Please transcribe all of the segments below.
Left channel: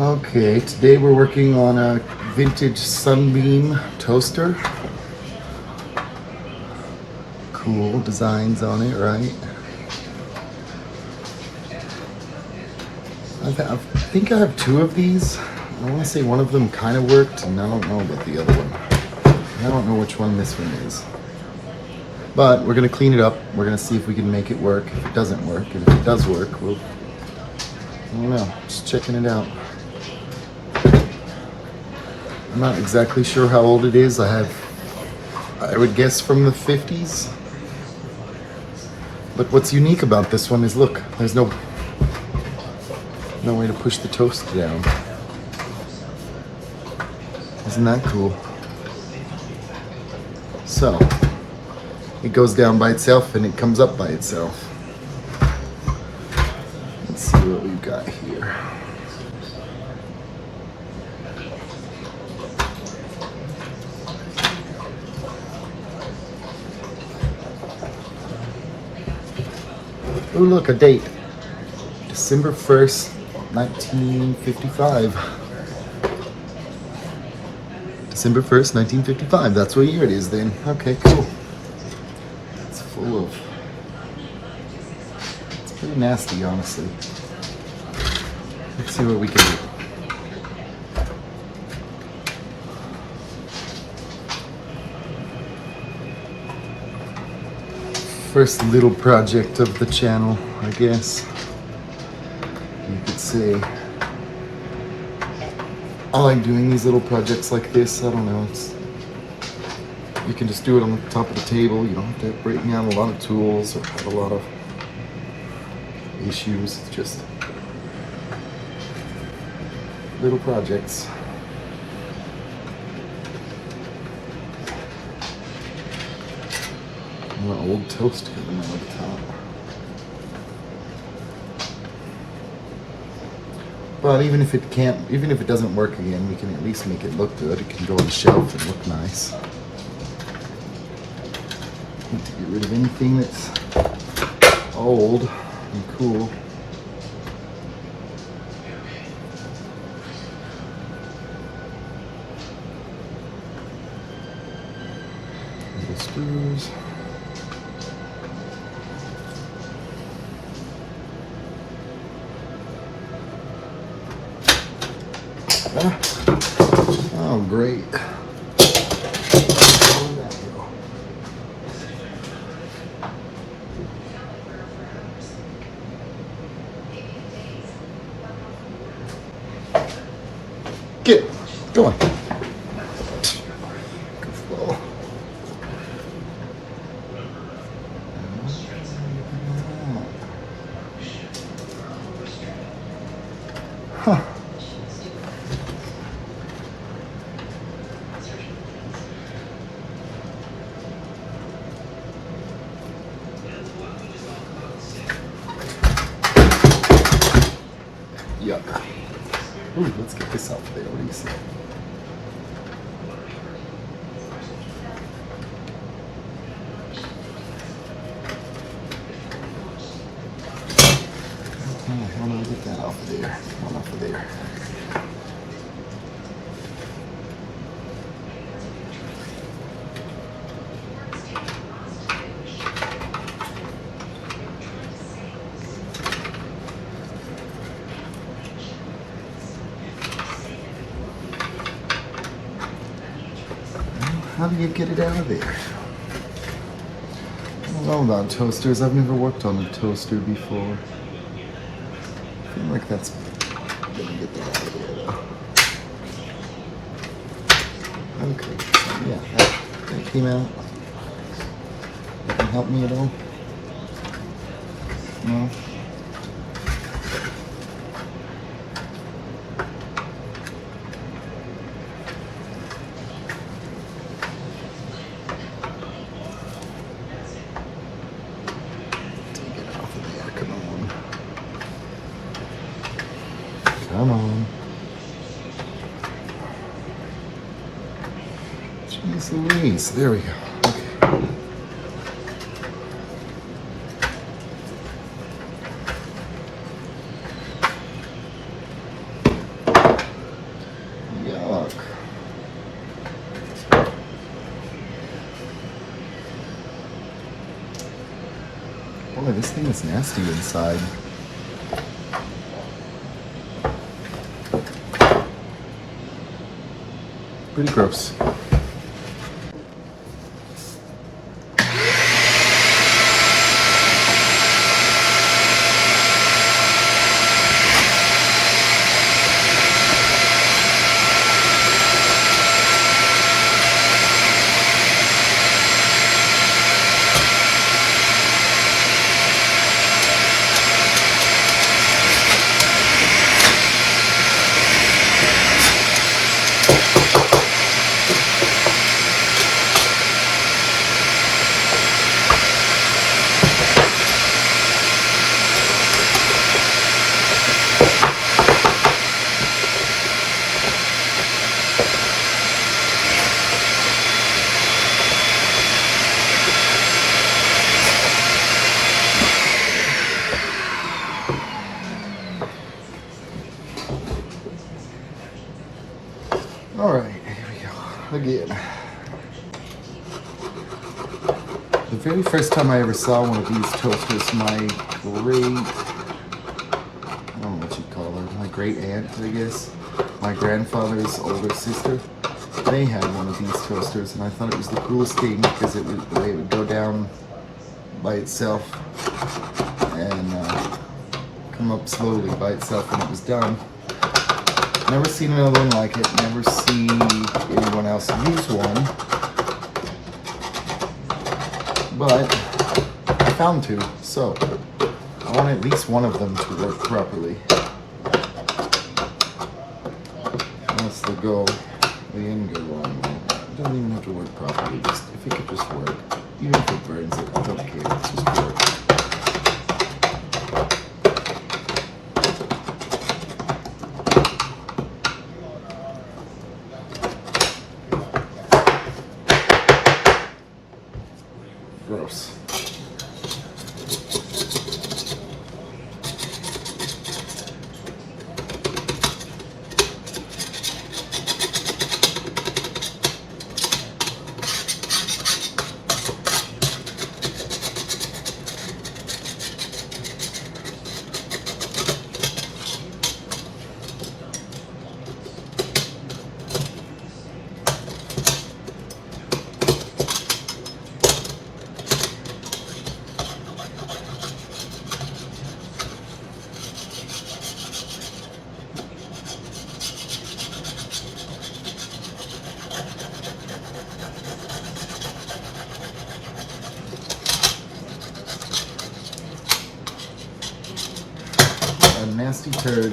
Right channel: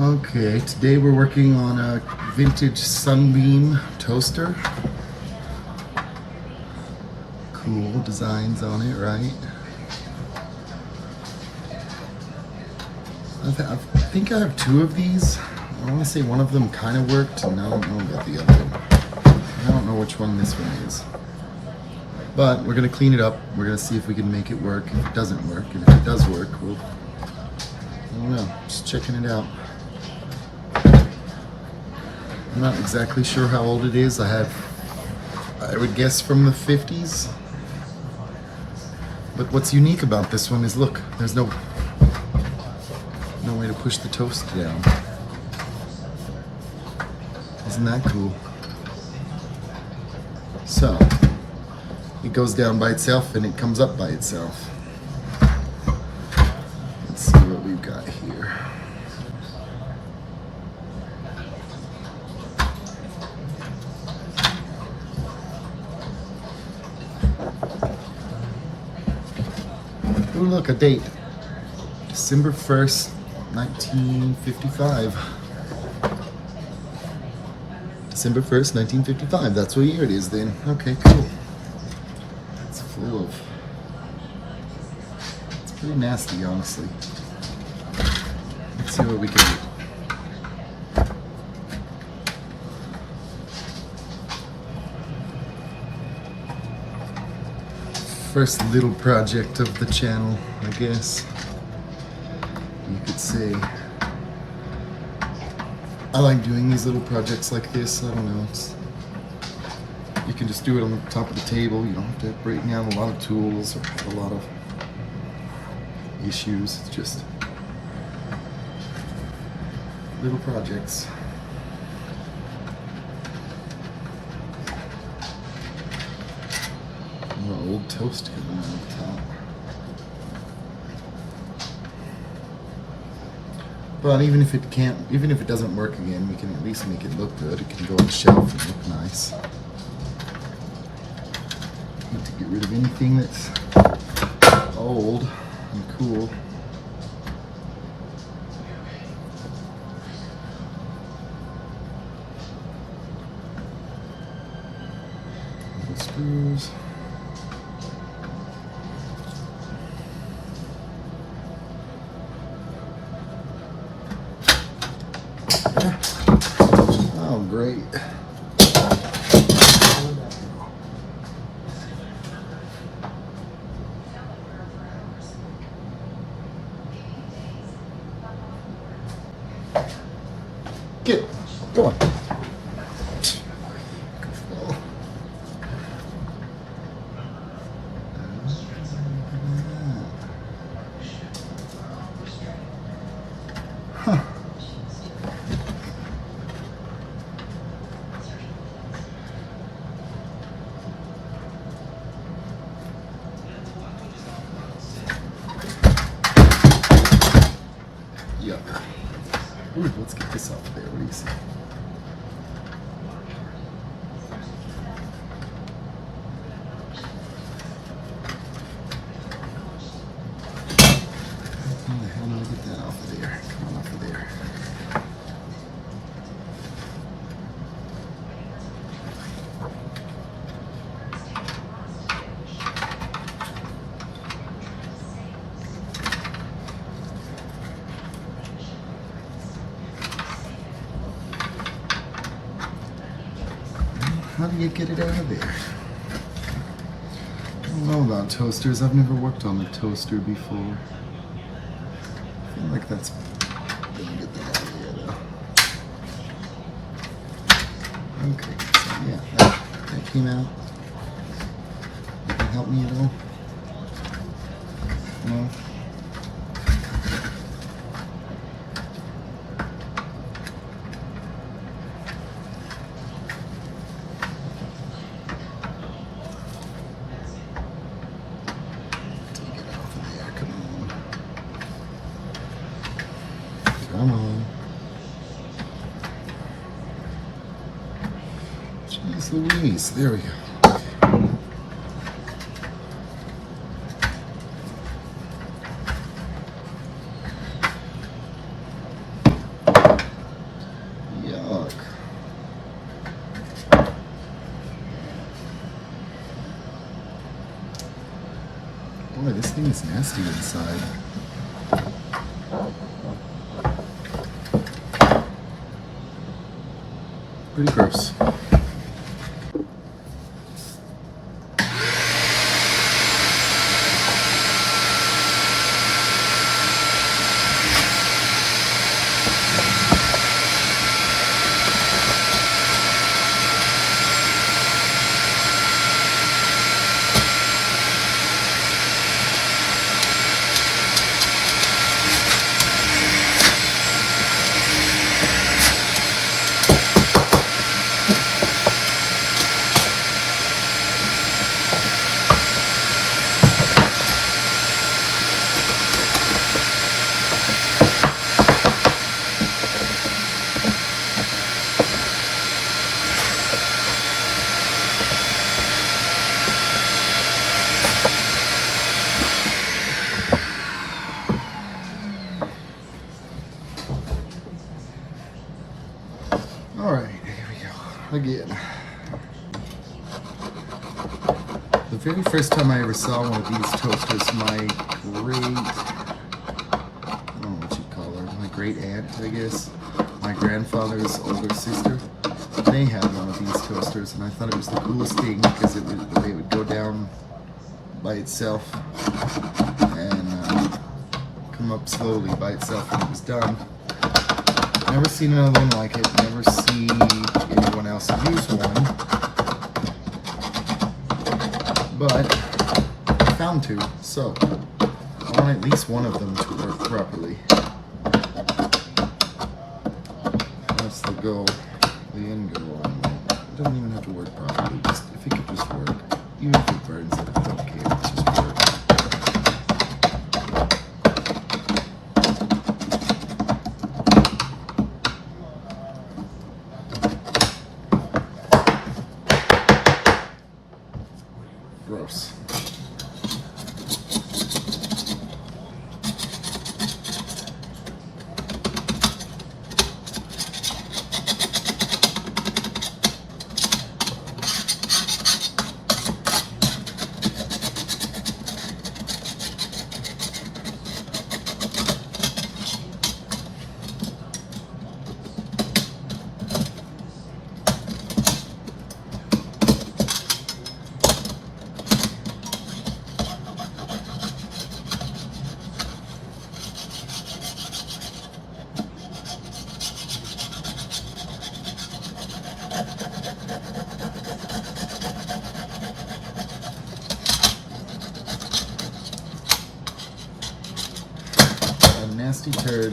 Okay, today we're working on a vintage Sunbeam toaster. Cool designs on it, right? I think I have two of these. I want to say one of them kind of worked, and I don't know about the other one. I don't know which one this one is. But we're going to clean it up. We're going to see if we can make it work. If it doesn't work, and if it does work, we'll... I don't know, just checking it out. I'm not exactly sure how old it is. I would guess from the 50s. But what's unique about this one is, look, there's no way to push the toast down. Isn't that cool? So, it goes down by itself and it comes up by itself. Let's see what we've got here. Oh, look, a date. December 1st, 1955. December 1st, 1955. That's what year it is then. Okay, cool. It's full of... It's pretty nasty, honestly. Let's see what we can do. First little project of the channel, I guess. You could say. I like doing these little projects like this. I don't know. You can just do it on the top of the table. You don't have to break down a lot of tools or have a lot of issues. It's just little projects. An old toast coming out of the top. But even if it doesn't work again, we can at least make it look good. It can go on the shelf and look nice. Need to get rid of anything that's old and cool. Little screws. Oh, great. Get, go on. Goofball. Huh. Yuck. Ooh, let's get this out there. What do you say? Okay, how do I get that off of there? Come on, off of there. How do you get it out of there? I don't know about toasters. I've never worked on a toaster before. I feel like that's gonna get that out of there. Okay, yeah, that came out. That can help me at all? No? Come on. Jeez Louise, there we go. Boy, this thing is nasty inside. Pretty gross. All right, here we go. Again. The very first time I ever saw one of these toasters, my I don't know what you'd call her, my great aunt, I guess, my grandfather's older sister, they had one of these toasters, and I thought it was the coolest thing because it would go down by itself and come up slowly by itself when it was done. Never seen another one like it. Never seen anyone else use one. But I found two, so I want at least one of them to work properly. Unless they go in, go on. It doesn't even have to work properly. Just if it could just work, even if it burns it, I don't care. It's just work. Gross. Nasty turd.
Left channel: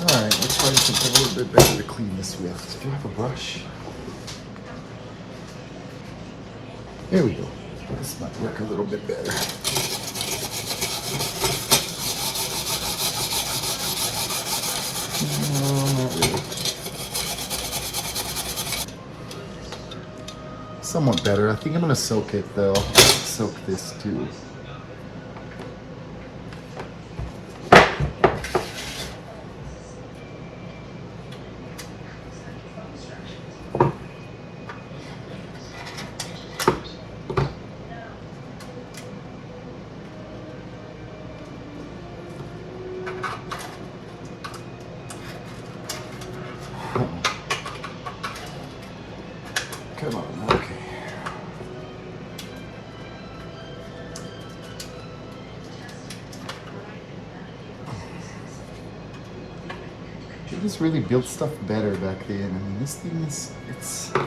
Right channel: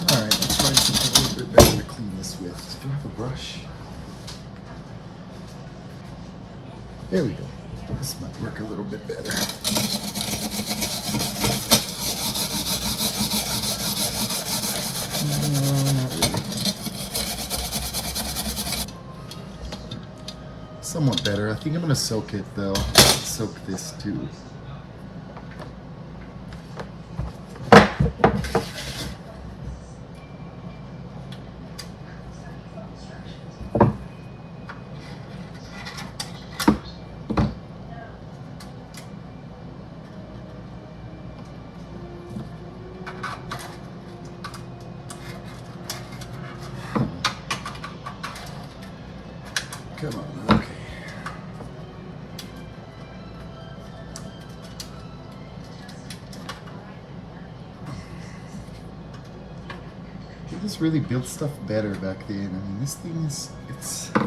Alright, let's try something a little bit better to clean this with. Do you have a brush? Here we go. This might work a little bit better. No, not really. Somewhat better. I think I'm gonna soak it though. Soak this too. Come on, okay. They just really built stuff better back then. I mean, this thing is, I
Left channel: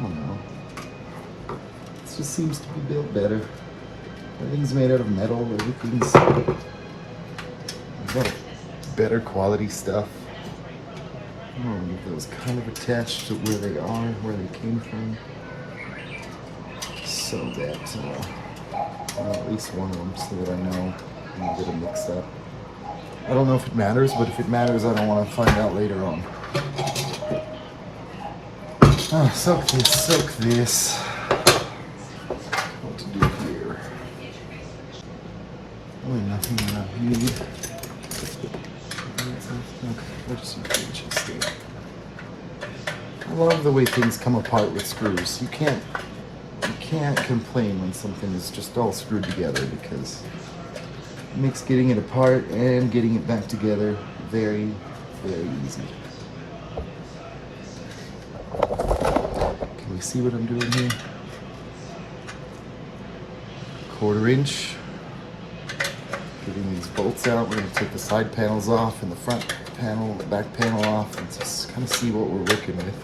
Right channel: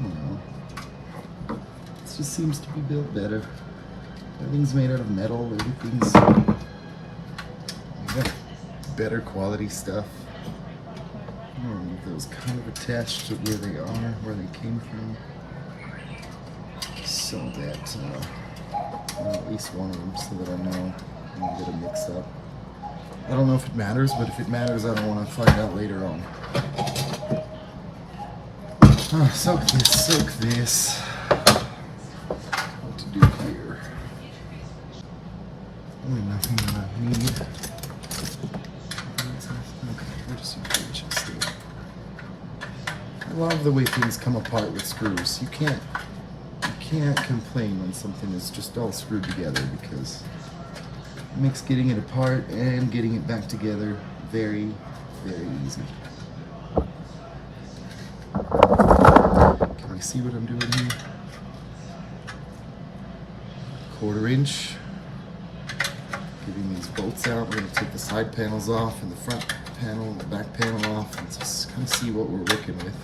don't know. It just seems to be built better. Everything's made out of metal. Everything's better quality stuff. I don't know if it was kind of attached to where they are, where they came from, so that at least one of them, so that I know I'm gonna get them mixed up. I don't know if it matters, but if it matters, I don't want to find out later on. Soak this, soak this. What to do here? Really nothing that I need. I love the way things come apart with screws. You can't complain when something is just all screwed together because it makes getting it apart and getting it back together very, very easy. Can we see what I'm doing here? 1/4 inch. Getting these bolts out. We're going to take the side panels off and the front panel, the back panel off, and just kind of see what we're working with.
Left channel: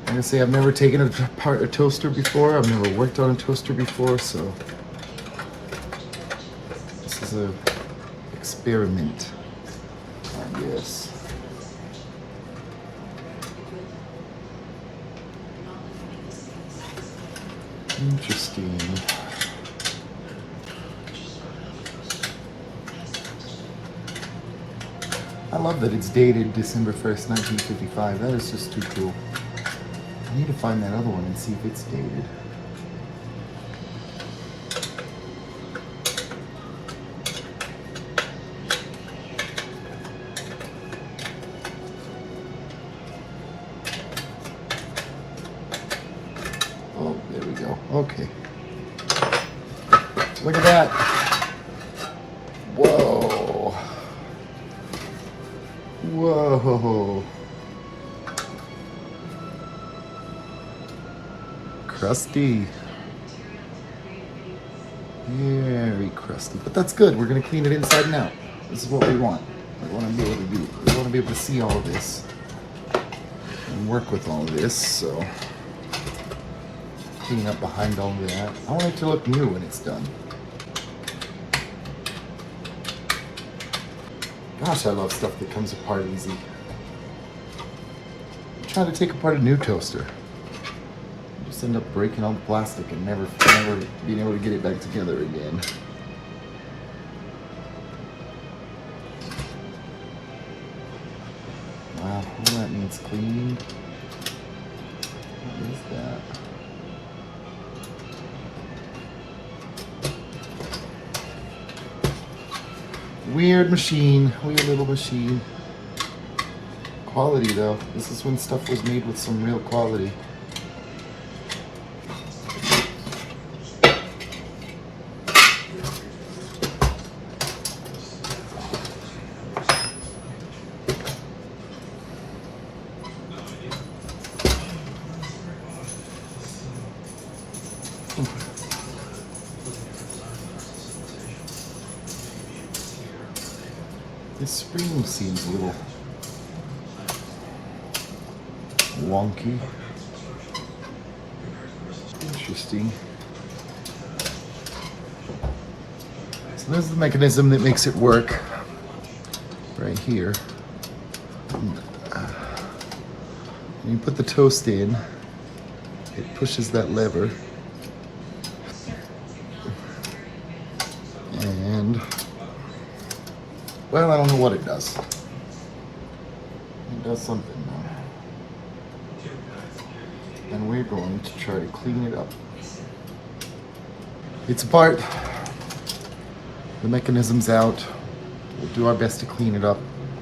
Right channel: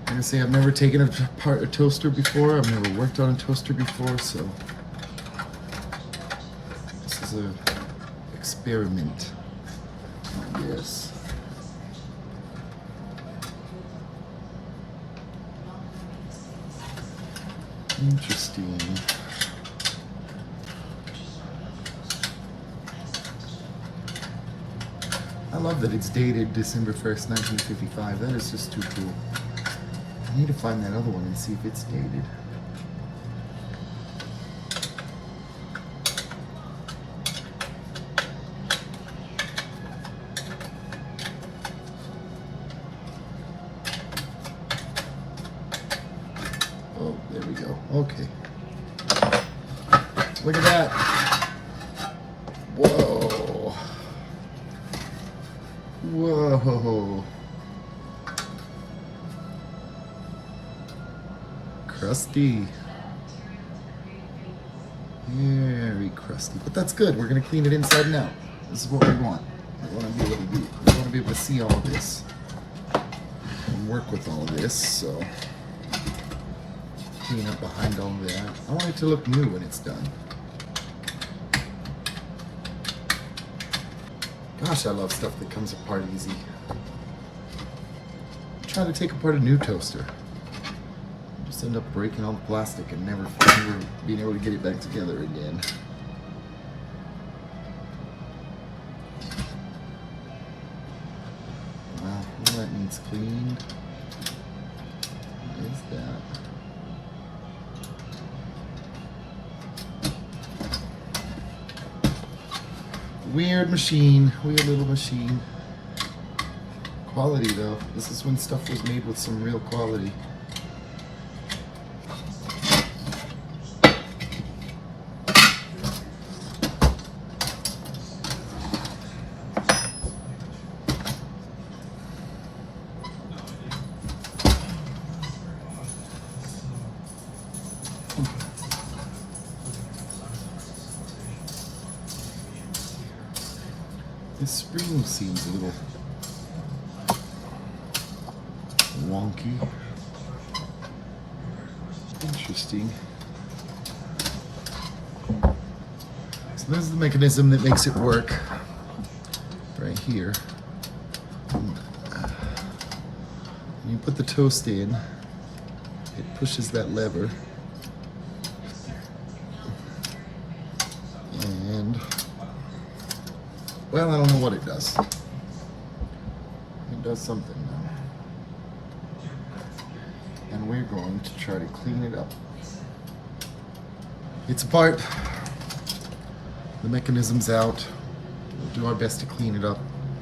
I'm going to say I've never taken apart a toaster before. I've never worked on a toaster before, so this is an experiment on this. Interesting. I love that it's dated December 1st, 1955. That is just too cool. I need to find that other one and see if it's dated. Oh, there we go. Okay. Look at that. Whoa. Whoa. Crusty. Very crusty. But that's good. We're going to clean it inside and out. This is what we want. We want to be able to see all this and work with all this. So clean up behind all of that. I want it to look new when it's done. Gosh, I love stuff that comes apart easy. I'm trying to take apart a new toaster. Just end up breaking all the plastic and never being able to get it back together again. Wow, all that needs cleaned. What is that? Weird machine, weird little machine. Quality though. This is when stuff was made with some real quality. This spring seems a little wonky. Interesting. So this is the mechanism that makes it work right here. And you put the toast in, it pushes that lever. And well, I don't know what it does. It does something though. And we're going to try to clean it up. It's apart. The mechanism's out. We'll do our best to clean it up,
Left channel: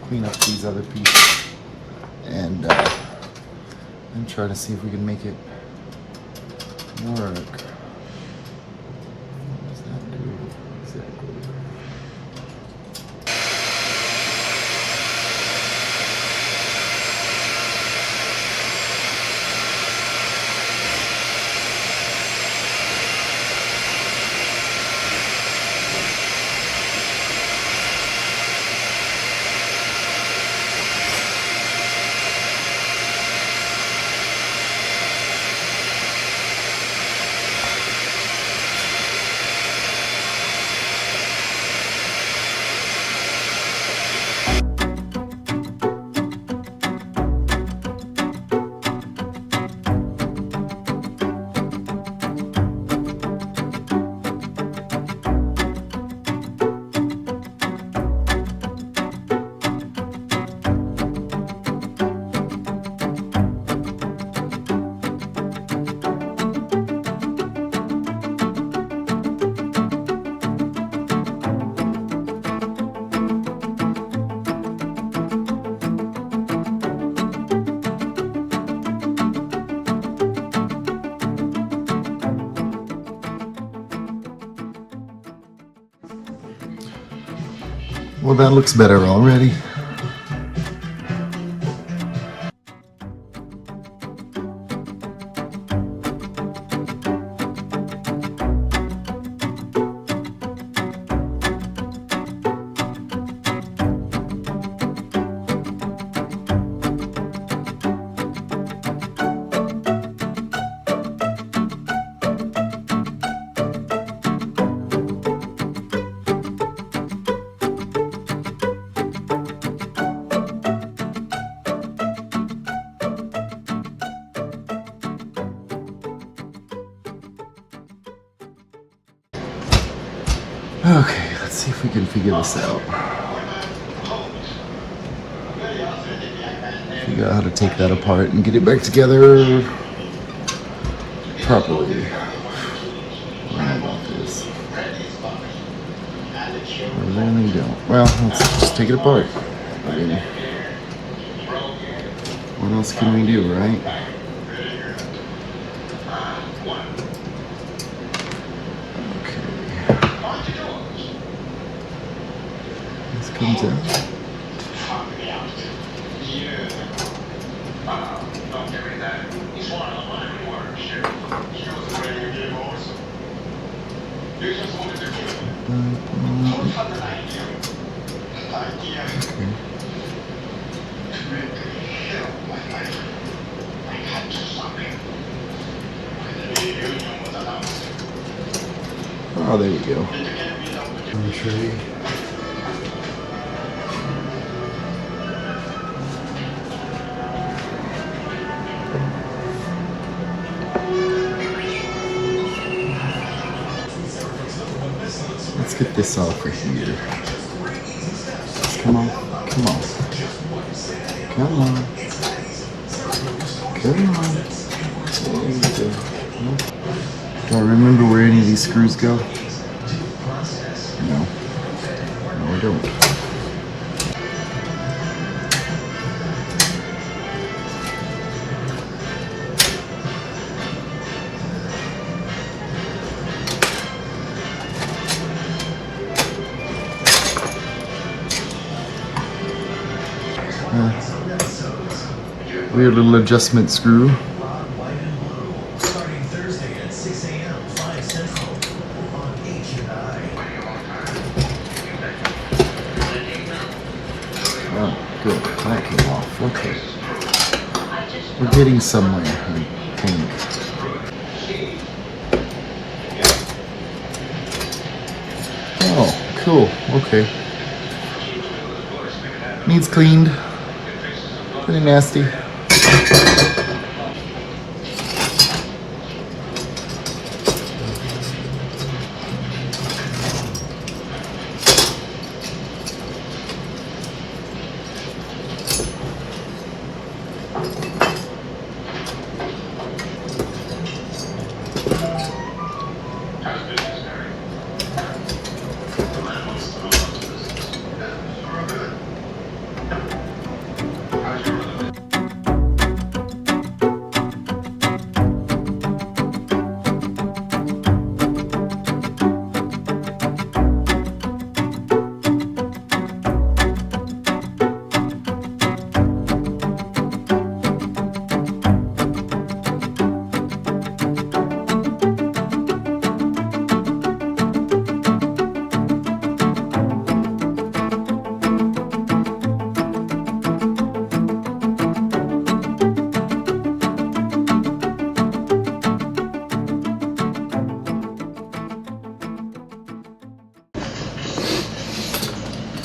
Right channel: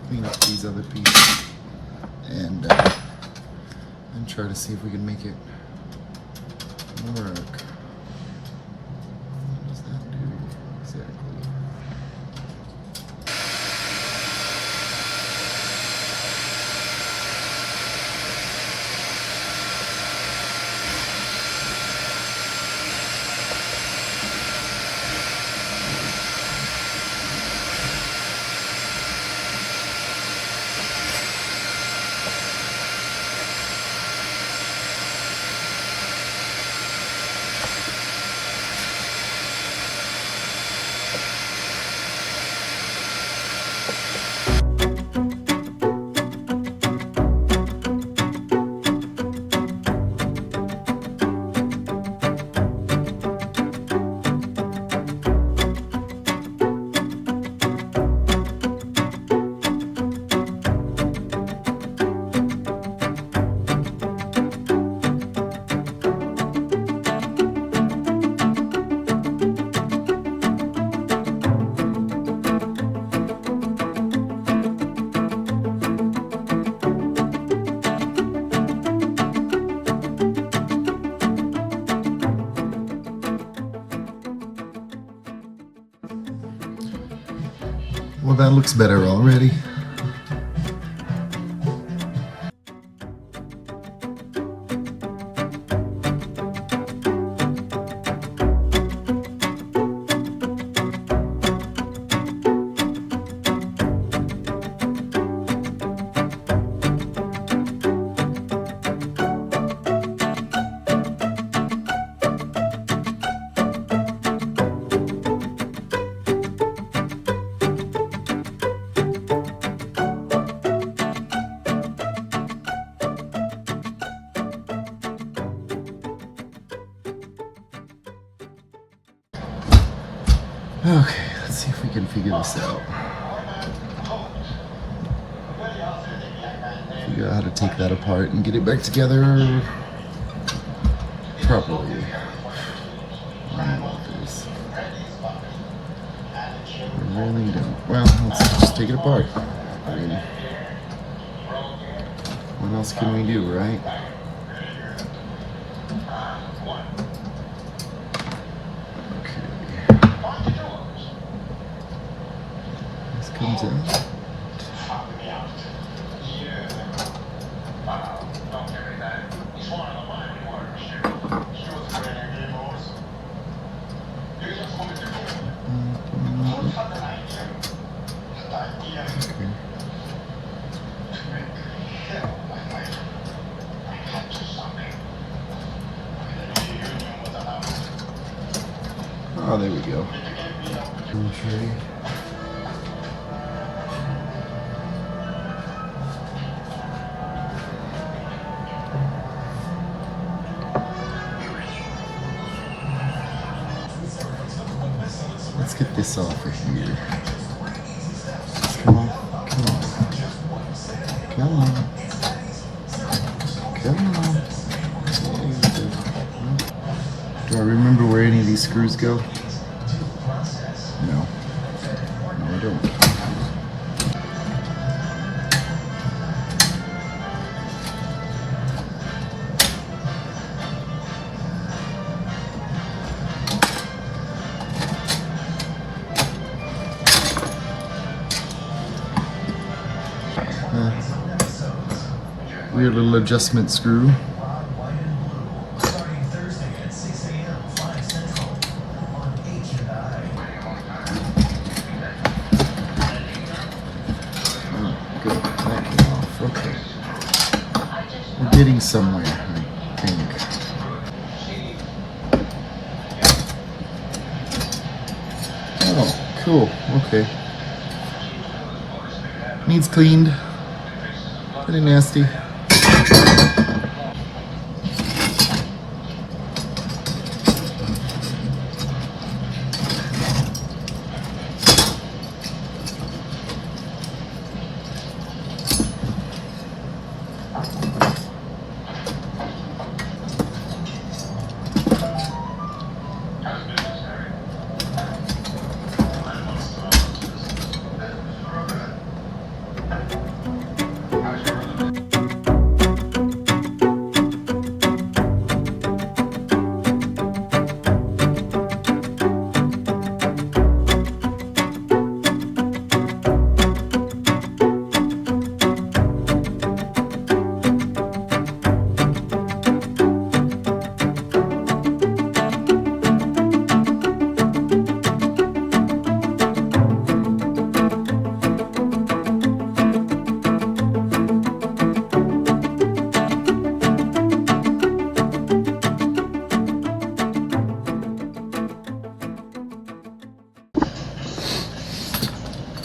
clean up these other pieces, and try to see if we can make it work. What does that do exactly? Well, that looks better already. Okay, let's see if we can figure this out. Figure out how to take that apart and get it back together properly. How about this? I really don't. Well, let's just take it apart. I mean, what else can we do, right? Oh, there we go. Let's get this off right here. Come on, come on. Come on. Come on. There we go. Do I remember where any of these screws go? No. No, I don't. Weird little adjustment screw. Oh, good. That came off. Okay. We're getting somewhere, I think. Oh, cool. Okay. Needs cleaned. Pretty nasty.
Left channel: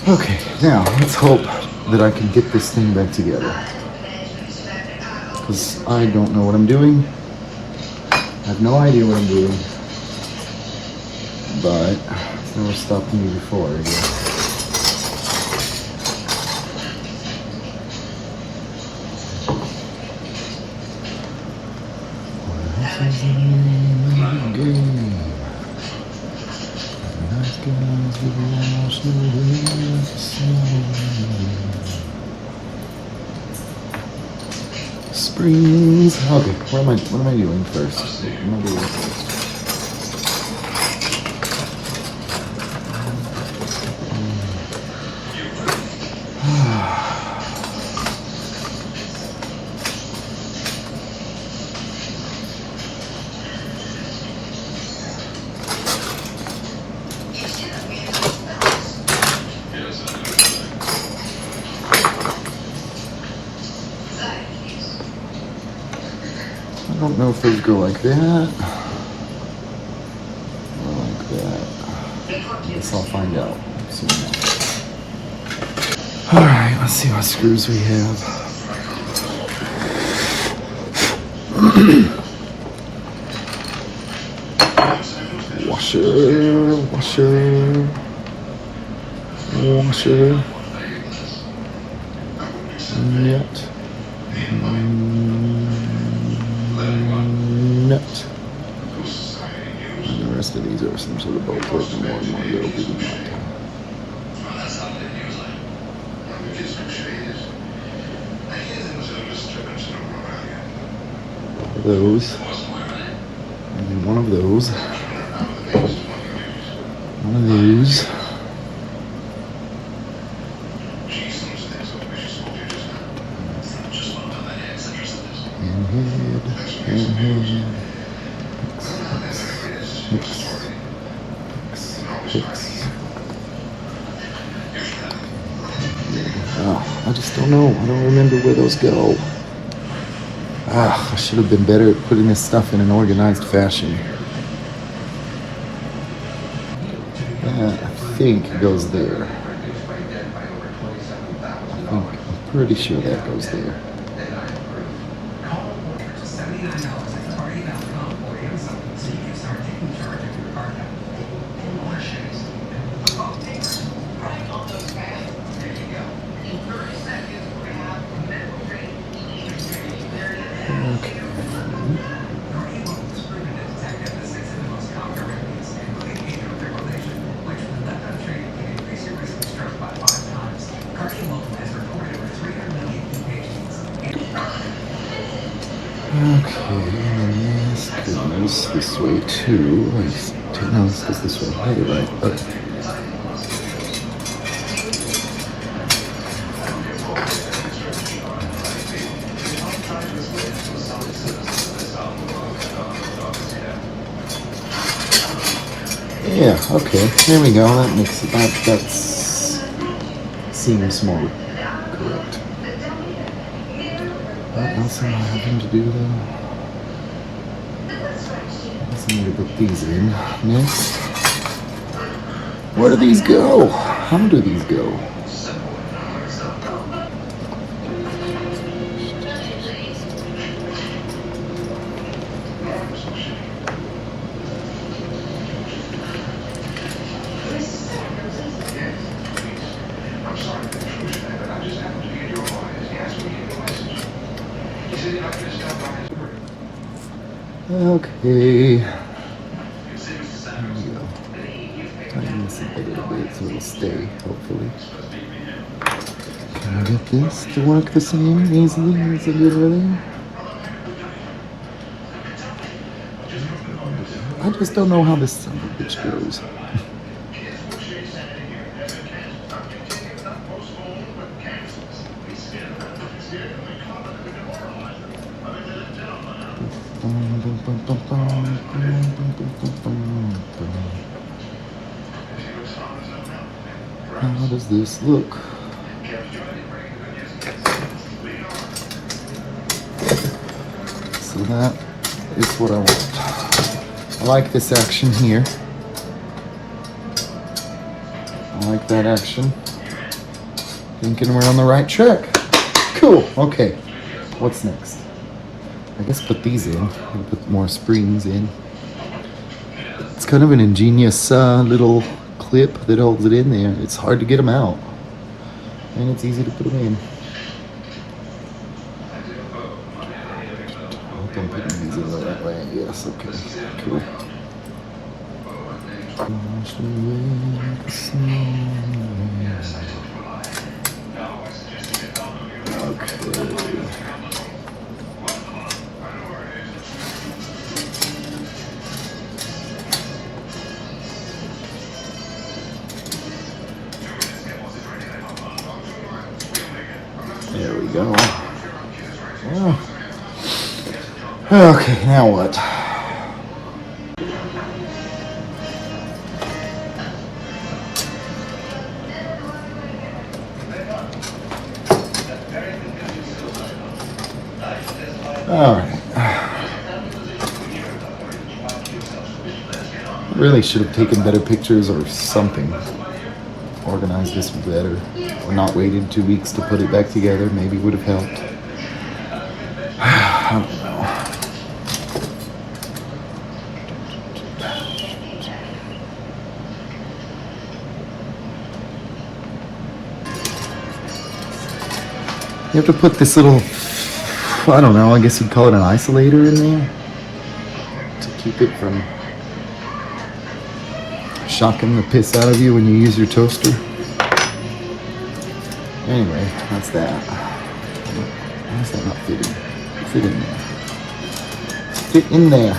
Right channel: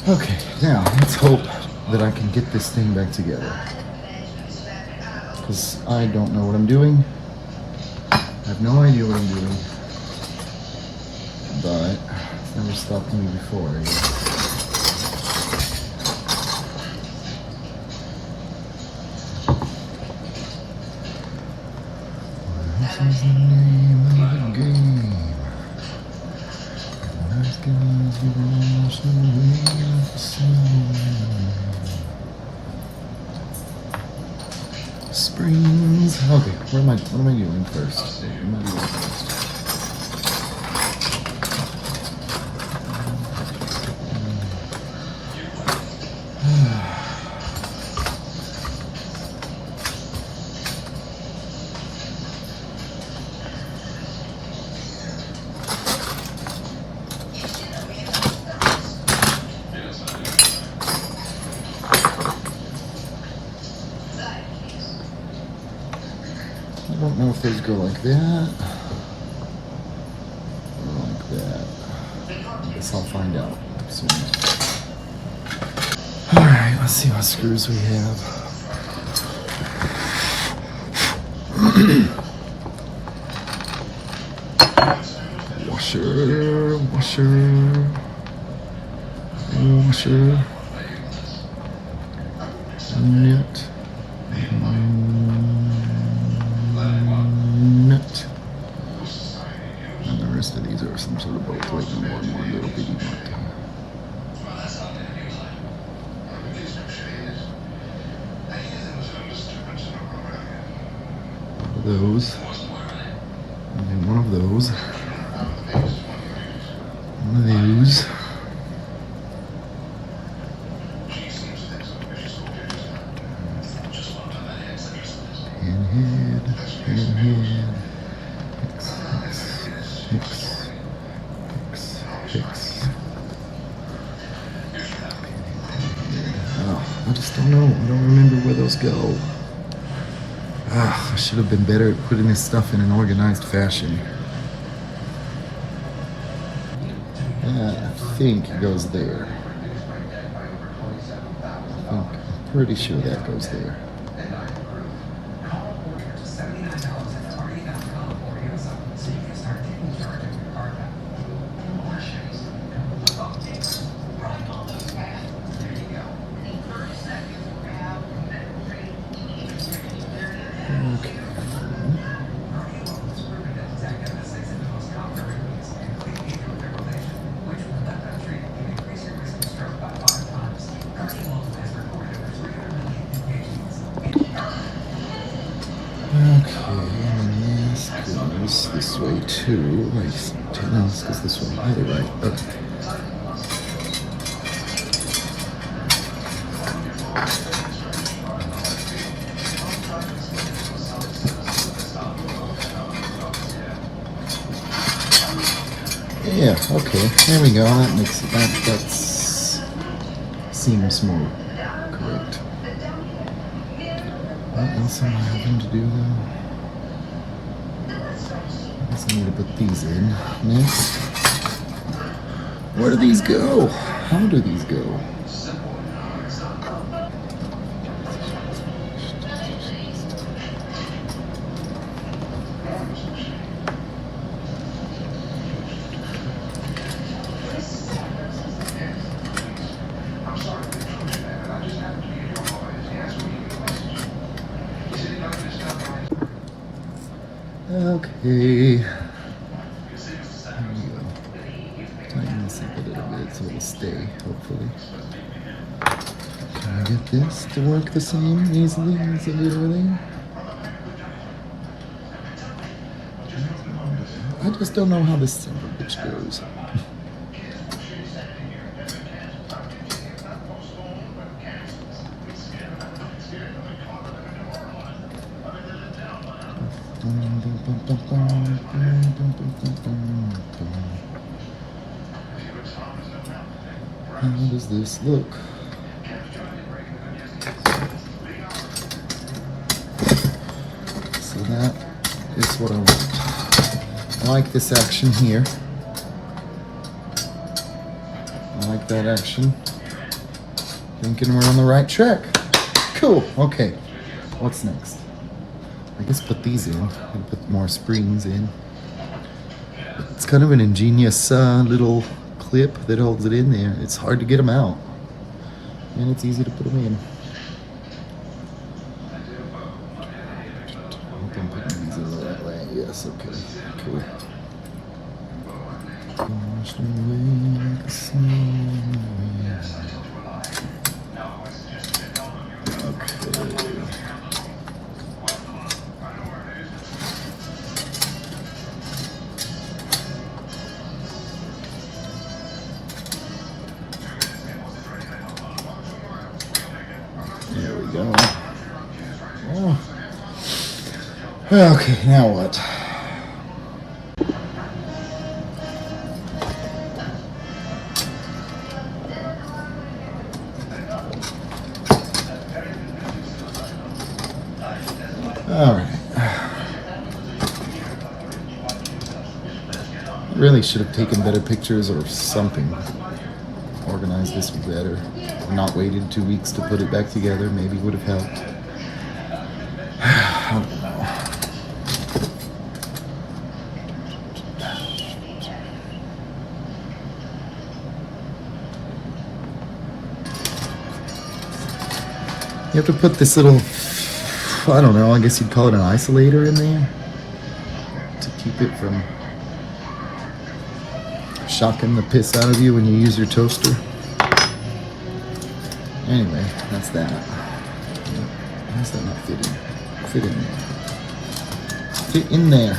Okay, now let's hope that I can get this thing back together. Because I don't know what I'm doing. I have no idea what I'm doing. But it's never stopped me before. This is the name of the game. Nice guys will wash away like the snow. Springs. Okay, what am I doing first? What am I doing first? don't know if those go like that or like that. I guess I'll find out soon. Alright, let's see what screws we have. Washer, washer, washer, nut, nut. And the rest of these are some sort of bolt with more and more little bitty nut. Those, and then one of those, one of those, pinhead, hicks. Oh, I just don't know. I don't remember where those go. I should have been better at putting this stuff in an organized fashion. That, I think, goes there. I'm pretty sure that goes there. This way too. No, this goes this way. Yeah, you're right. Okay. Yeah, okay. There we go. That makes it. That seems more correct. What else am I having to do though? I need to put these in next. Where do these go? How do these go? Okay. There we go. Tighten this up a little bit so it'll stay, hopefully. Can I get this to work the same easily as it did over there? I just don't know how this son of a bitch goes. How does this look? So that is what I want. I like this action here. I like that action. Thinking we're on the right track. Cool, okay. What's next? I guess put these in and put more springs in. It's kind of an ingenious little clip that holds it in there. It's hard to get them out, and it's easy to put them in. I hope I'm putting these in the right way. Yes, okay, cool. Wash away the snow. Okay. There we go. Oh. Okay, now what? All right. Really should have taken better pictures or something. Organized this better. Or not waited 2 weeks to put it back together. Maybe would have helped. I don't know. You have to put this little, I don't know, I guess you'd call it an isolator in there to keep it from shocking the piss out of you when you use your toaster. Anyway, that's that. Why is that not fitting? Fit in there. Fit in there.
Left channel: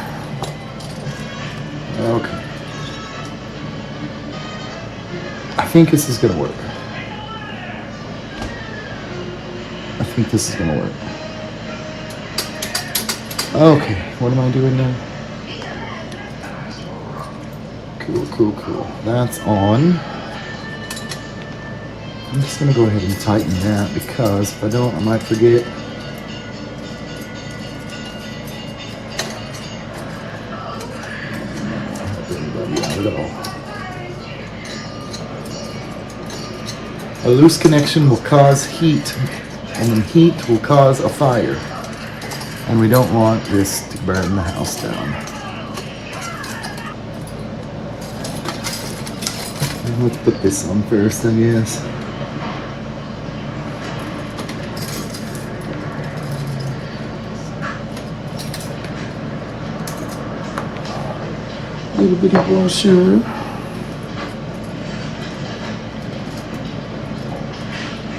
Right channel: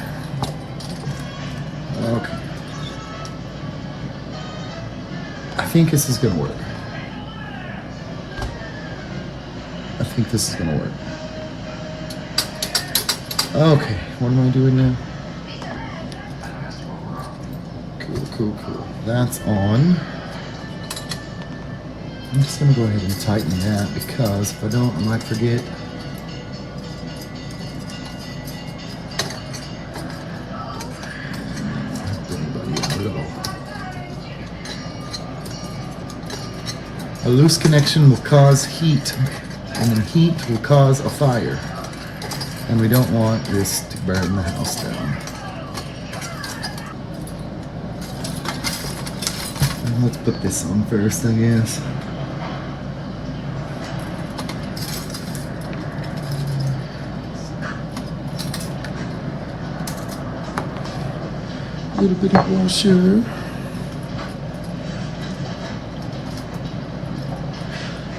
Okay. I think this is gonna work. I think this is gonna work. Okay, what am I doing now? Cool. That's on. I'm just gonna go ahead and tighten that because if I don't, I might forget. Not help anybody out at all. A loose connection will cause heat, and then heat will cause a fire. And we don't want this to burn the house down. And let's put this on first, I guess. A little bit of washer.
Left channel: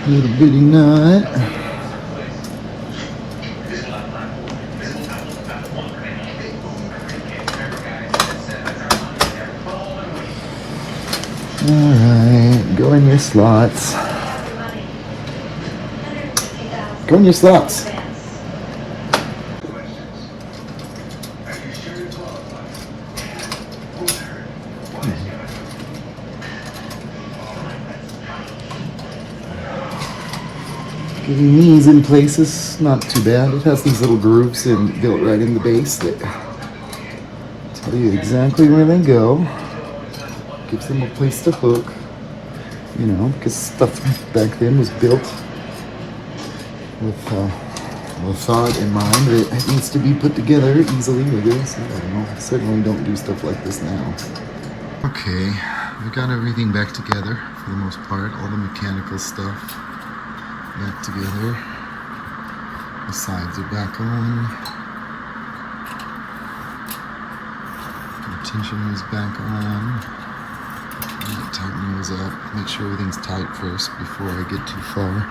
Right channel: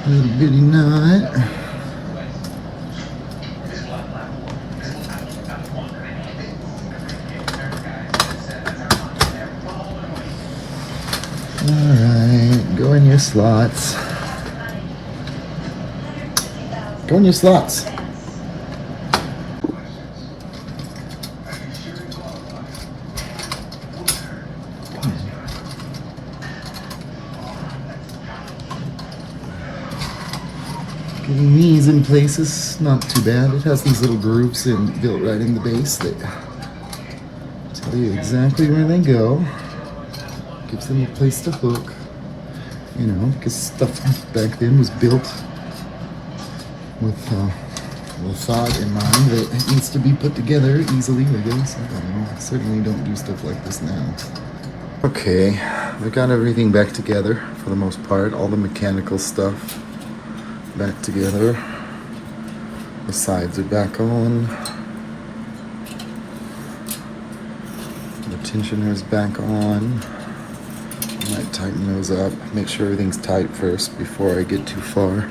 A little bitty nut. Alright, go in your slots. Go in your slots. Getting these in places, not too bad. It has these little grooves built right in the base that tell you exactly where they go. Gives them a place to hook, you know, because stuff back then was built with thought in mind that it needs to be put together easily, I guess. I don't know. I certainly don't do stuff like this now. Okay, I got everything back together for the most part. All the mechanical stuff back together. The sides are back on. The tensioner's back on. I might tighten those up, make sure everything's tight first before I get too far.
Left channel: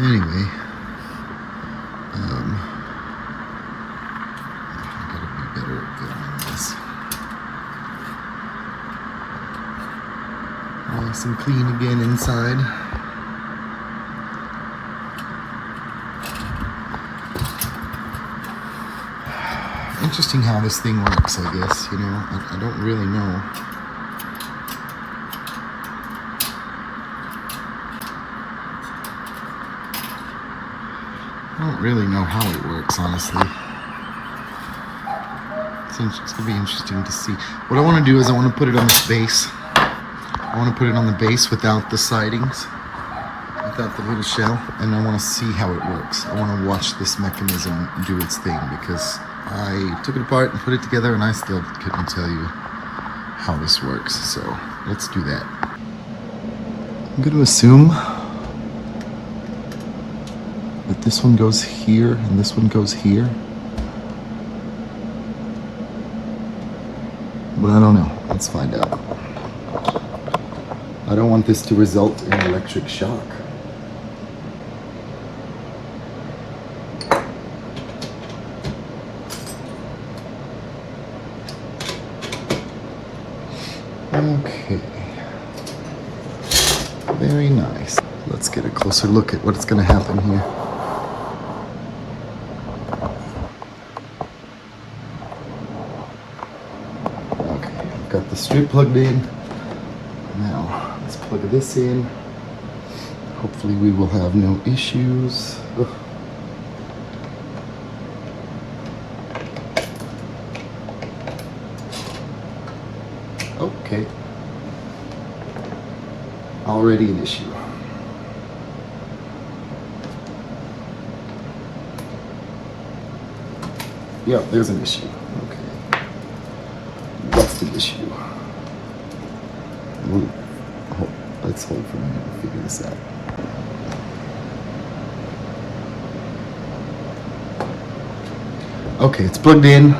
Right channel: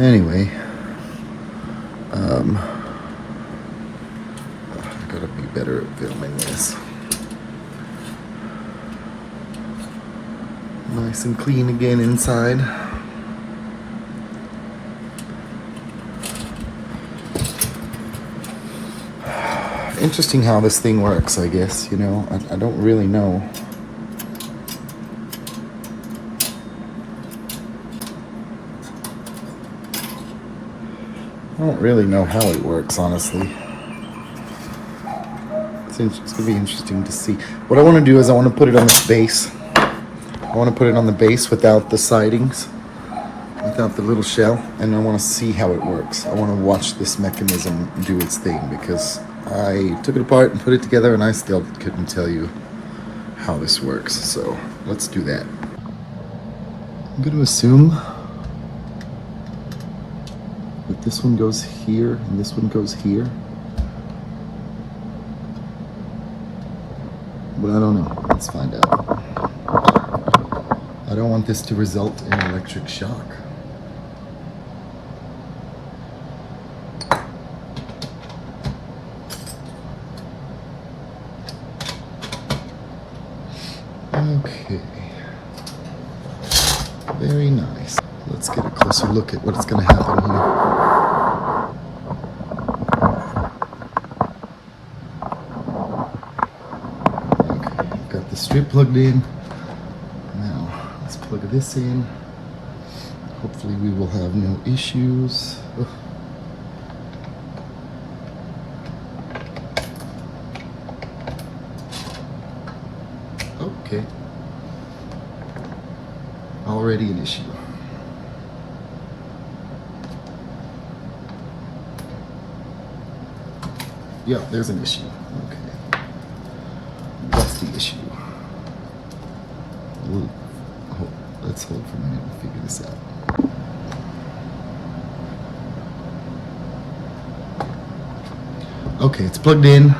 Anyway, I gotta be better at filming this. Nice and clean again inside. Interesting how this thing works, I guess, you know. I don't really know. I don't really know how it works, honestly. It's gonna be interesting to see. What I want to do is I want to put it on this base. I want to put it on the base without the sidings, without the little shell, and I want to see how it works. I want to watch this mechanism do its thing because I took it apart and put it together and I still couldn't tell you how this works. So let's do that. I'm going to assume that this one goes here and this one goes here. But I don't know. Let's find out. I don't want this to result in electric shock. Okay, very nice. Let's get a closer look at what's going to happen here. Okay, I've got the strip plugged in. Now, let's plug this in. Hopefully we will have no issues. Ugh. Okay. Already an issue. Yep, there's an issue. Okay. What's the issue? Let's hold for a minute and figure this out. Okay, it's plugged in.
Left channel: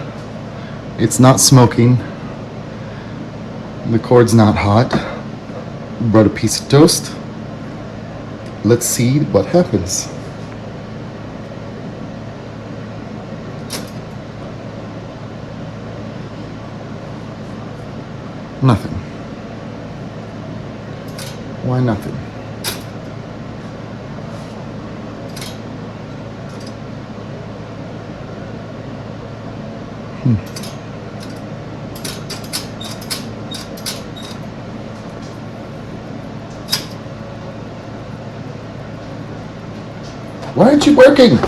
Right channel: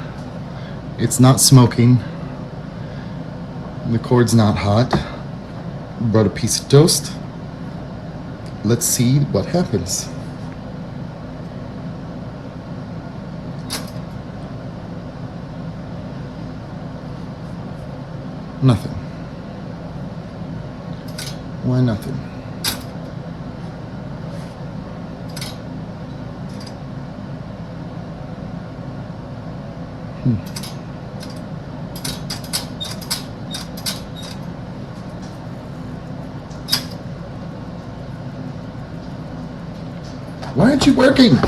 It's not smoking. The cord's not hot. Brought a piece of toast. Let's see what happens. Nothing. Why nothing? Why aren't you working?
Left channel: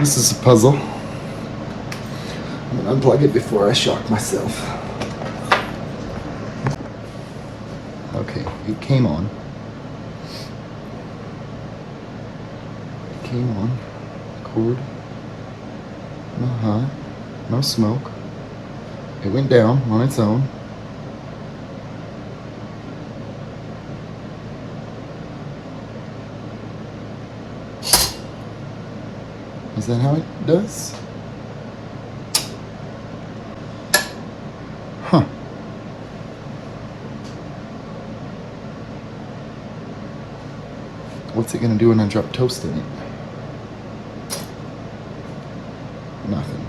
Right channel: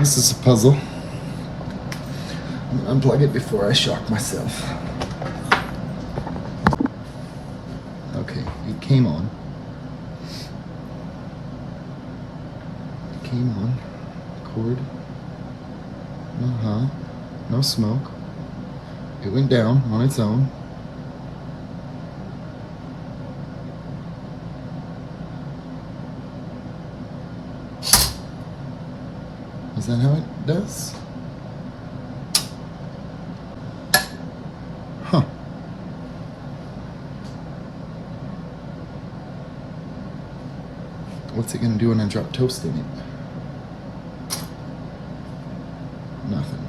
This is a puzzle. I'm gonna unplug it before I shock myself. Okay, it came on. It came on. Cord. No high. No smoke. It went down on its own. Is that how it does? Huh. What's it gonna do when I drop toast in it? Nothing.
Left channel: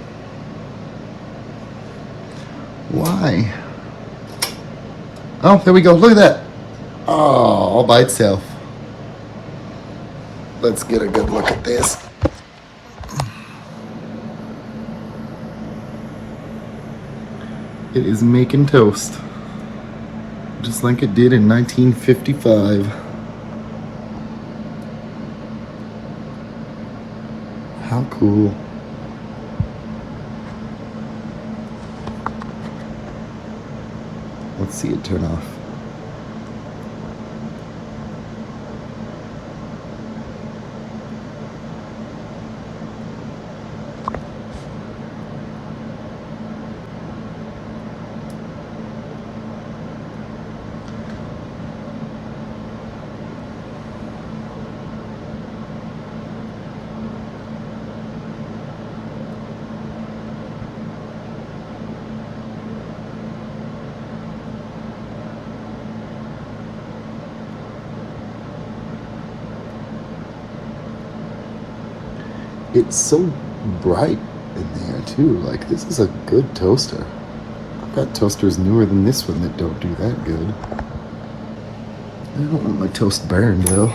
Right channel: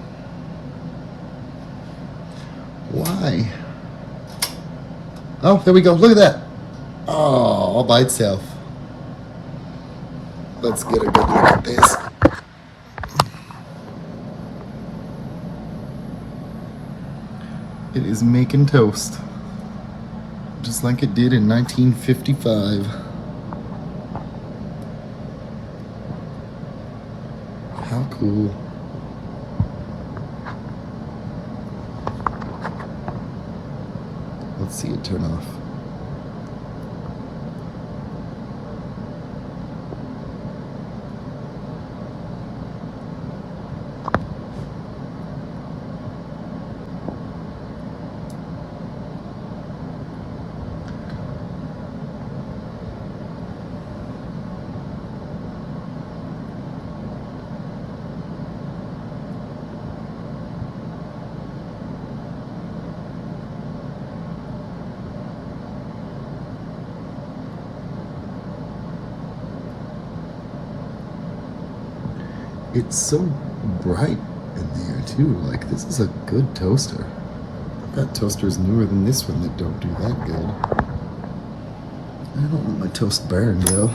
Why? Oh, there we go. Look at that. Oh, all by itself. Let's get a good look at this. It is making toast, just like it did in 1955. How cool. Let's see it turn off. It's so bright in there too. Like, this is a good toaster. I've got toasters newer than this one that don't do that good. I don't want my toast burned though.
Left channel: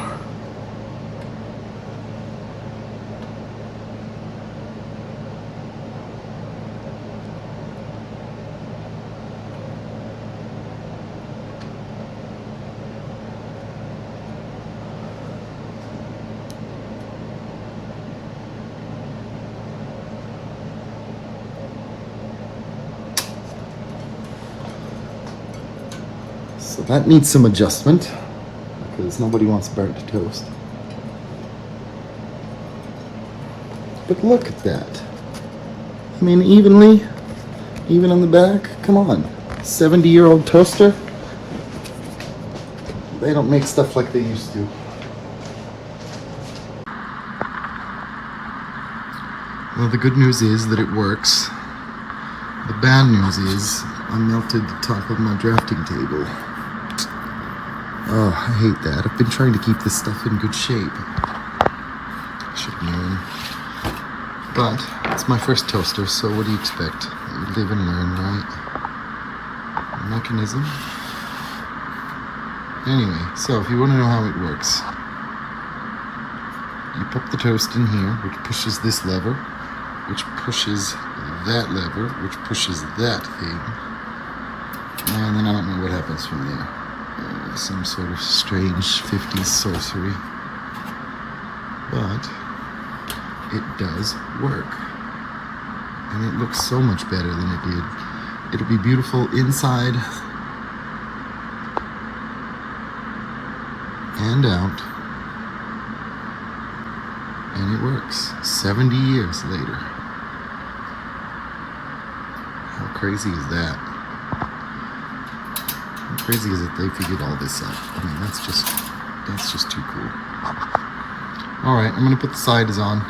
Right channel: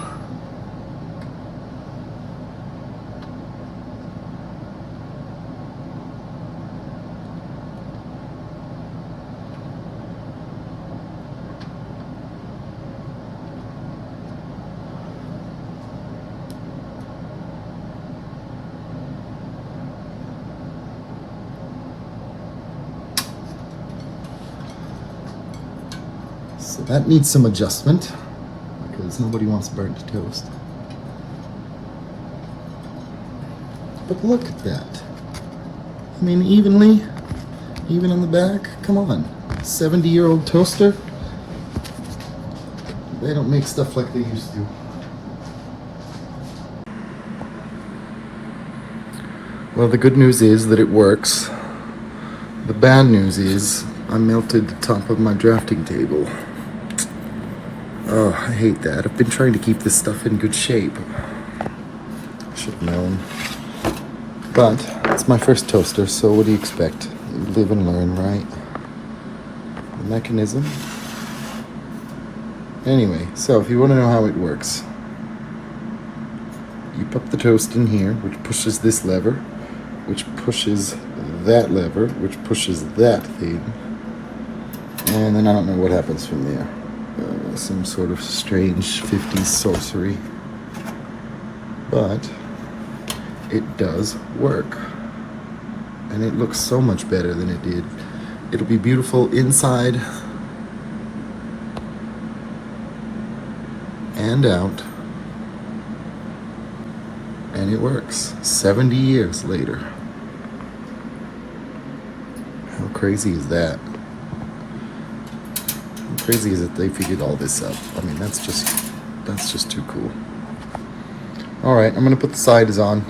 So that needs some adjustment because nobody wants burnt toast. But look at that. I mean, evenly, even on the back. Come on, 70-year-old toaster. They don't make stuff like they used to. Well, the good news is that it works. The bad news is I melted the top of my drafting table. Oh, I hate that. I've been trying to keep this stuff in good shape. I should have known. But it's my first toaster, so what do you expect? You live and learn, right? The mechanism. Anyway, so if you want to know how it works, you put the toast in here, which pushes this lever, which pushes that lever, which pushes that thing. And then I don't know what happens from there. Some sort of strange 50s sorcery. But it does work. And it looks so much better than it did. It'll be beautiful inside and out. And it works 70 years later. How crazy is that? How crazy is it they figured all this out? I mean, that's just too cool. All right, I'm gonna put the sides on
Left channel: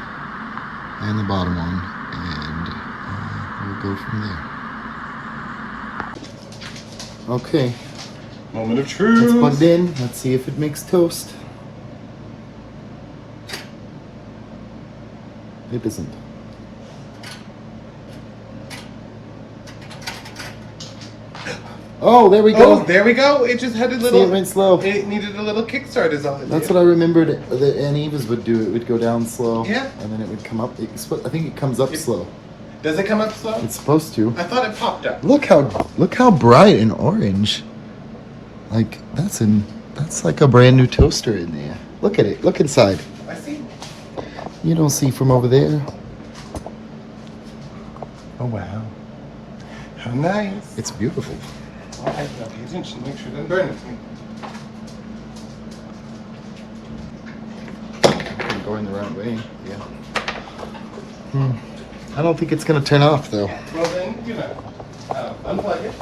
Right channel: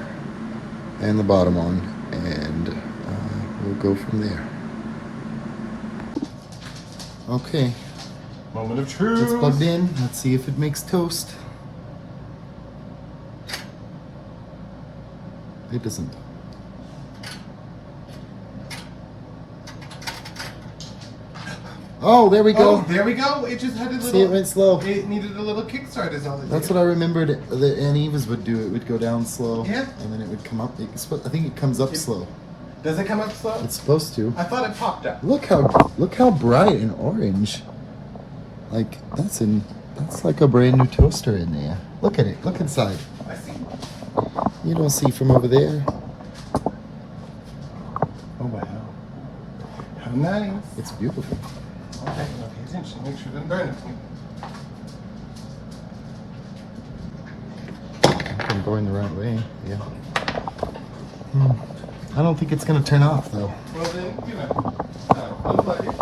and the bottom on, and we'll go from there. Okay. Moment of truth. Let's put it in. Let's see if it makes toast. It doesn't. Oh, there we go. Oh, there we go. It just had a little. See, it went slow. It needed a little kickstart, is all it That's did. what I remembered that Aunt Eva's would do. It would go down slow. Yeah. And then it would come up. I think it comes up slow. Does it come up slow? It's supposed to. I thought it popped up. Look how bright and orange. Like that's like a brand new toaster in there. Look at it. Look inside. I see. You don't see from over there. Oh wow. How nice. It's beautiful. I have to pay attention. Make sure it doesn't burn it. I'm going the right way. Yeah. I don't think it's gonna turn off though. Well then, unplug it.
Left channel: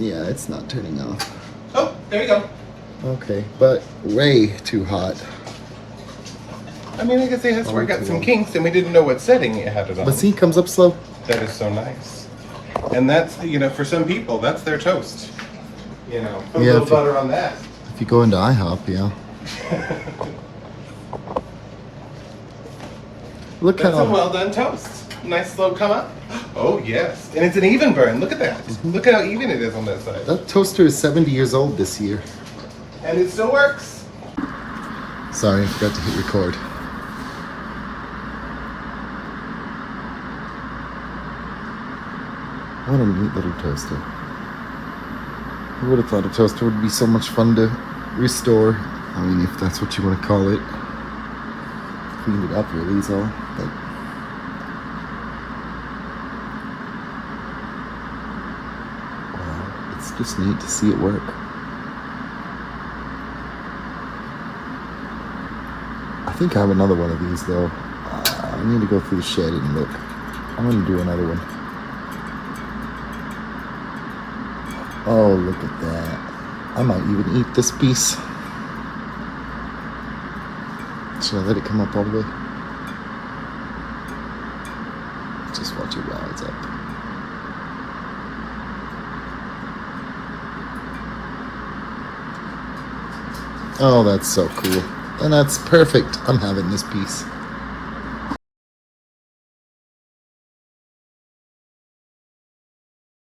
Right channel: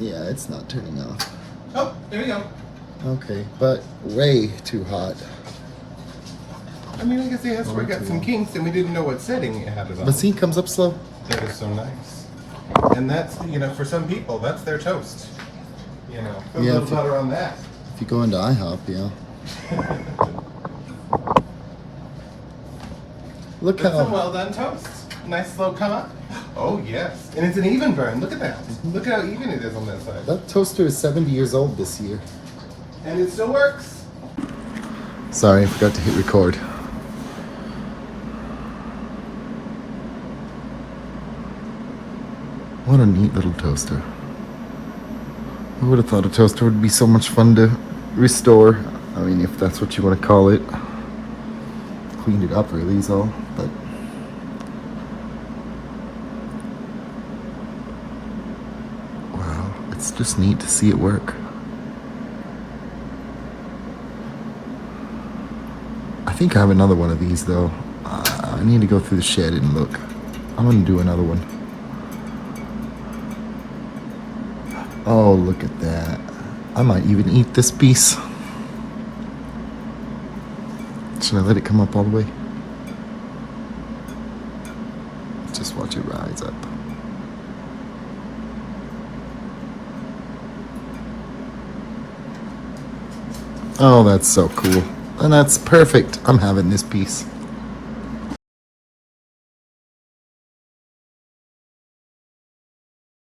Yeah, it's not turning off. Oh, there you go. Okay, but way too hot. I mean, I guess it has to work too out some long. kinks, and we didn't know what setting it had it on. But see, it comes up slow. That is so nice. And that's, for some people, that's their toast. Put a Yeah, little if you- butter on that. If you go into IHOP, yeah. Look That's a how. well done toast. Nice slow come up. Oh, yes. And it's an even burn. Look at that. Look at how even it is on that side. That toaster is 70 years old this year. And it still works. Sorry, I forgot to hit record. What a neat little toaster. Who would have thought a toaster would be so much fun to restore? I mean, if that's what you want to call it. Cleaned it up really is all. But yeah, it's just neat to see it work. I think I have another one of these though. I need to go through the shed and look. I want to do another one. Oh, look at that. I might even eat this piece. Should I let it come up all the way? Just watch it rise up. Oh, that's so cool. And that's perfect. I'm having this piece.